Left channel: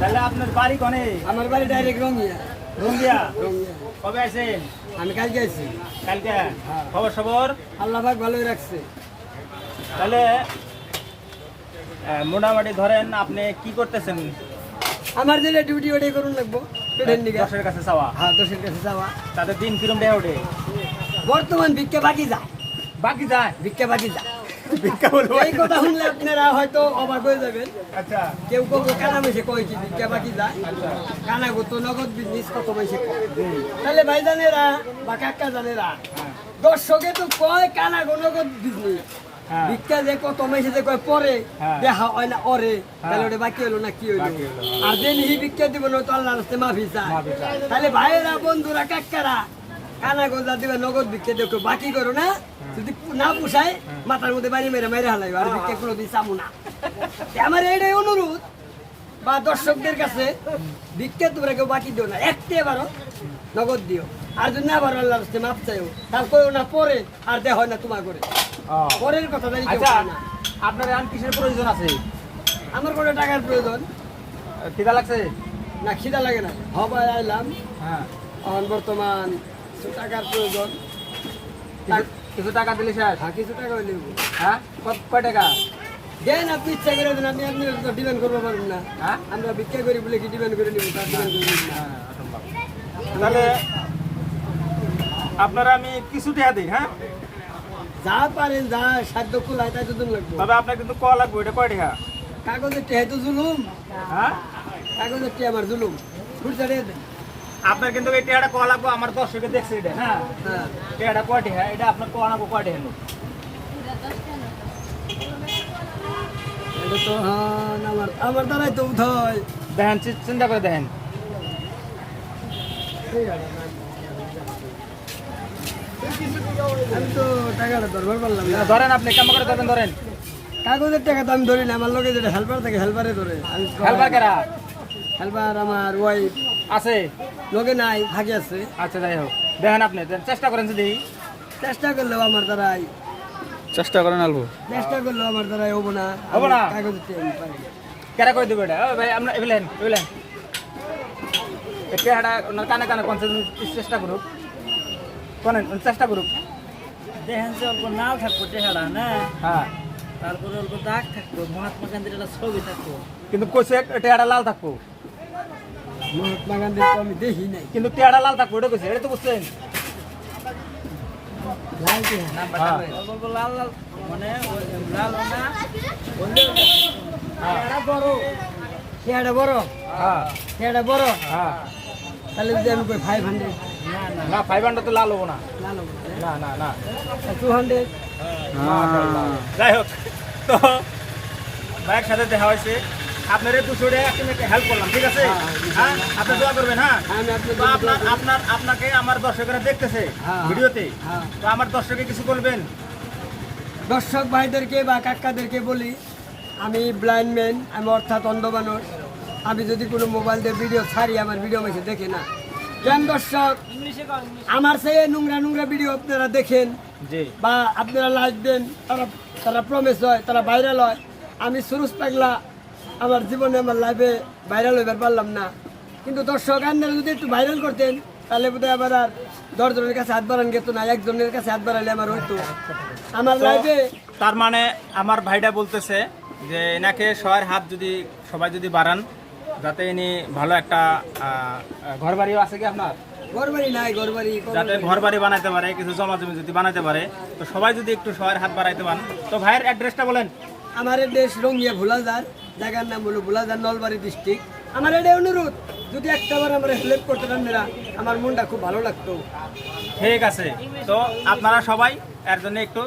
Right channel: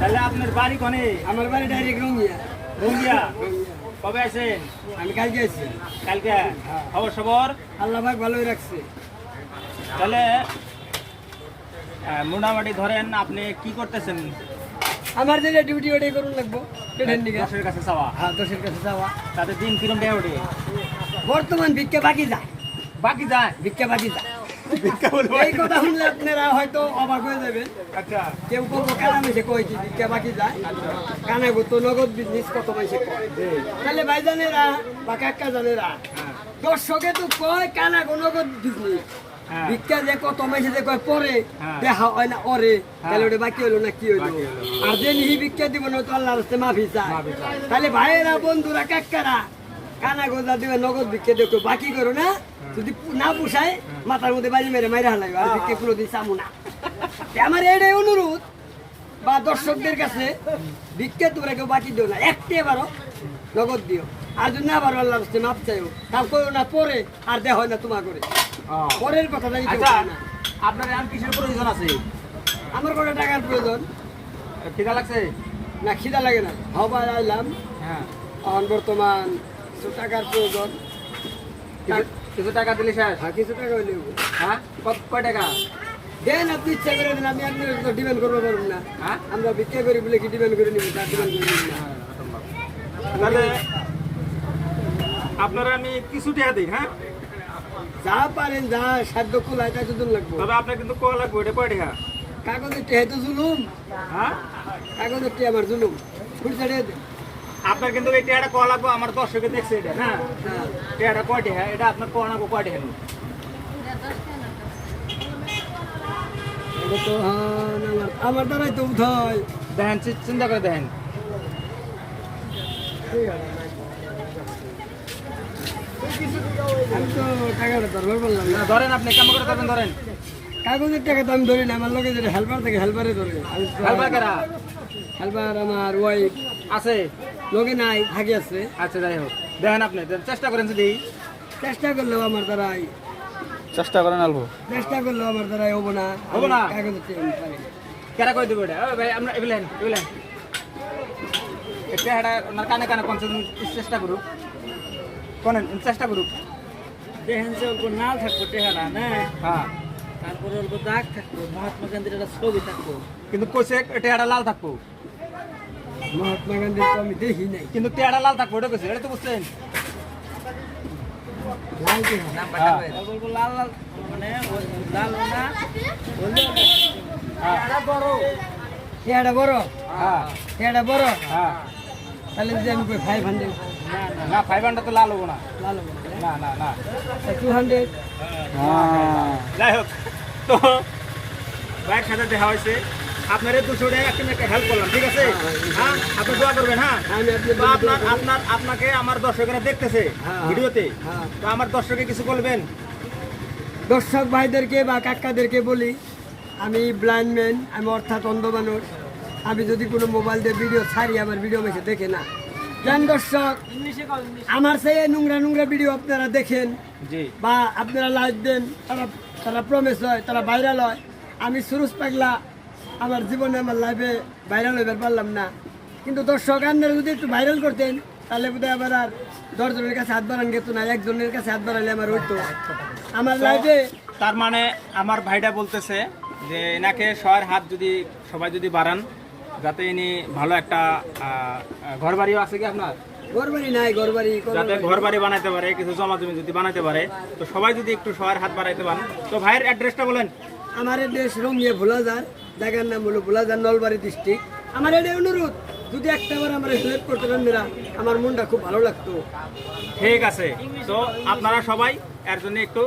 তাহলে আপনার বাড়ি কোনে? আমার বাড়ি ডাইরেক্ট রঙ্গিয়া। রঙ্গিয়া। রঙ্গিয়া। কবে আছেন? আমি কালকে আছি। কালকে? খবর সবর? আল্লাহ পাক ভালোই রাখছে। তাহলে মোটামুটি ধরেন আপনি কি করতেছেন? আমার যে ডিউটি ওটাই করুন লাগবো পেটের দিকে। দশের কাছে চাওয়া? হ্যাঁ, 10-এর কাছে যাওয়া। তাদের দিন কিরম দেয় ওঠে? বর্তমান ভিক্ষা বাকি যায়, বাকি যায়? ভিক্ষা বাকি যায়। ভিক্ষা বলবো? এই কথা শুনলে আপনারা হয়তো অবাক হয়ে যাবেন। আচ্ছা। কেউ কেউ কানা মেসে কয় কি ভিক্ষা বাকি যায়, কানা গো তো নগদ বিজনেস কত মেসে কয়। তাহলে ভাইজানেরা বা কাকা জানেরা দর্শকে তো কয় কানা গো নগদ বিজনেস, হ্যাঁ। ভিক্ষা যে কত মেসে যে কয় পরে হ্যাঁ। দেখা হয় না ওরে, তাহলে ওটা বাকি হইলো না কি হইলো? বাকি হইলো। আর যে নিহি ভিক্ষা দিব না তো আল্লাহর রাস্তায় মাফি চায়। মাফি চায়। তাহলে ভাইয়েরা বন্ধুরা কাকারা কানা গোজা দিবে নগদ ভিক্ষা দেখো বাকি করো না, যদি না পুষায় মাথার মধ্যে বাইরে মেরে মেরে হালাই আর ভিক্ষা কোনো দিন চামু না। আমার এটাই অনুরোধ বা দর্শকদের কাছে, ভিক্ষা তোমরা কেউ বাকি দিও না, একটি এবারও নগদ দিও। আর যদি না আবার আল্লাহর রাস্তায় মাপ চাইও, তাও করো না পরে আর দেওয়া হয় না তোমার করে। পরের কথা জানি কেউ আচ্ছা, কয় না। আপনার এখন কিসের প্রয়োজন আছে? আমার কোনো টাকার প্রয়োজন খিদা লাগছে? না, খিদা লাগে না, হবাই আইলাম। হ্যাঁ। এখন বর্তমান কিছু টাকার প্রয়োজন। কিছু টাকা দিলে শেষ? হ্যাঁ, কিছু টাকা নেব। হ্যাঁ, কয় টাকা? দেন, আপনি ইচ্ছা করে দেন, আমি আপনার তো ডিমান্ড করবো পারবো না। হ্যাঁ? আমরা ভিক্ষা করি বলে কি ডিমান্ড করে নিব? তার ডিমান্ড করে নিব না। তাহলে আপনারা আমি কিছু টাকা দিই, হ্যাঁ? যা পারেন, যা সাধ্য কুলায় তাই তো দিন লাগবো। তবে আপনার কিন্তু কল লাগবে, এটা কয় টাকা? কাগজের টেহে তো জুলুম, হ্যাঁ? কাগজের টেহে আমার জুলুম। ফুটতে আপনার কিন্তু এই টাকাটা কল লাগবে, আমার দর্শকে দেখছে এটা, হ্যাঁ? হ্যাঁ, টাকাটা কয় টাকা? এটা আপনার কল লাগবে কয় টাকা? এটা তো আমার দ্বারাই তো উঠায়। দেখেন, চিন্তা করে দেখেন। আমি তো টাকাটা ধরবার পারলাম না। ধরেন, আপনি কেমন করে ধরেন? ধরেন কাগজের টাকা তো আমি ধরি না, আমার লোকে যেটা হেল্পার থাকে হেল্পারে ধরে। হেল্পার কেরা হেল্পার আমার ওয়াইফ আছে? লোকে নাই, থাকে আছে। আচ্ছা, যাই হোক, দেখেন আপনি চেষ্টা করেন যদি। চেষ্টা করলেও আমার দ্বারাই, চেষ্টা করেন আলবো। চেষ্টা করলেও আমার দ্বারাই হবো না। হবো না? কাগজের টাকা আমি পারি। কেরা করে দেবো এটা? ও ভাই, আপনার এগুলেন টাকাটা ওনার কানে কানে চেষ্টা করুক, করেন চেষ্টা করুক। দেখেন যে অল্প নাও থাকবো চেহারা না, হ্যাঁ, তারপরে অল্প দাগ থাকবো, মহাত্মা গান্ধীর একটা ছবি থাকবো। কিন্তু কোচে টাকাটা লাল থাকবো, মহাত্মা গান্ধীর তো আমি দেখি নাই। কিন্তু টাকাটা লাল থাকবো, এটা কোচে, এটা তো বুঝছেন? লাল কি হয়? হ্যাঁ। অল্প লাল লাল মানে ওই লাল না হইলে এটা বড়, এটা বড়, হ্যাঁ, এটা বড়। হ্যাঁ। তাহলে যদি আমি কই 500, না, 500 তো লাল হবো না। লাল হবে না না না 200। যাই হোক, তো ভাইয়ের সাথে দেখা হয়েছে, আপনার এই 200 টাকা হেল্প করলাম, ঠিক আছে? হ্যাঁ, আপনি দোয়া করবেন। হ্যাঁ, আমি তো আপনাকে আমার দর্শকেরা দেখতেছে হ্যাঁ, ভিডিওতে, হ্যাঁ। তো আমার দর্শকে কিছু বলবেন? দর্শক ভাইদেরকে বা কাকাদেরকে বলি, আমি ব্লাইন্ড ম্যান, আমি অর্থাৎ অন্ধ মানুষ। আমি যদি কোনো মোবাইল দিয়ে ভিডিও ছাড়ি, আমার ভিডিও মেসে দেখে না। কেন দর্শক, ইংলিশে কও, ইংলিশ আমার সেই নোংরা নোংরা ভিডিও আপনারা দেখেন জি। বা আপনারা লাইক দেন, তারা প্রমেস হয়, তারা ভাইরাল হয়। আমি সুরুজ পাগলা, আমার জীবনে আমার লাইফে ভাইরাল হইবার পারলাম না। কিন্তু দর্শক আপনারা যদি একটু ভাইরাল করতেন, তাহলে বোধহয় আবার আর 10 জনের কাছে হাত বাড়ান গেত না, একজনের কাছে হাত বাড়ালে আমার হইতো। আমার লাইফে তার মানে আমার ভাইটা বলতেছে যে এনাকে সবার হাত যদি সবাই যদি বাড়ান, যাতে ইনি ভালো একটা ঘর বাড়িও আছে কি আপনার, ঘরবাড়ি নাই, ঘরবাড়ি যাতে ঘর বাড়ি বানাইতে পারে, কিছু জমা জমি যদি বানাইতে পারে, তো সবাই যদি একটু সবার হাত বাড়াইতে পারেন। তো ভাইয়ের অ্যাড্রেসটা বলেন। আমার দেশ রঙ্গিয়া ভোলাজার, জায়গার নাম হলো ভোলাজার, নলবাড়ি ডিস্ট্রিক্ট। আমার এটাই অনুরোধ, যদি একটাবার আমরা হেল্প করতেন আপনারা, আমার মনটা খুব ভালো লাগতো। ঠিক আছে, তো আপনারা সবাই এর জন্য একটু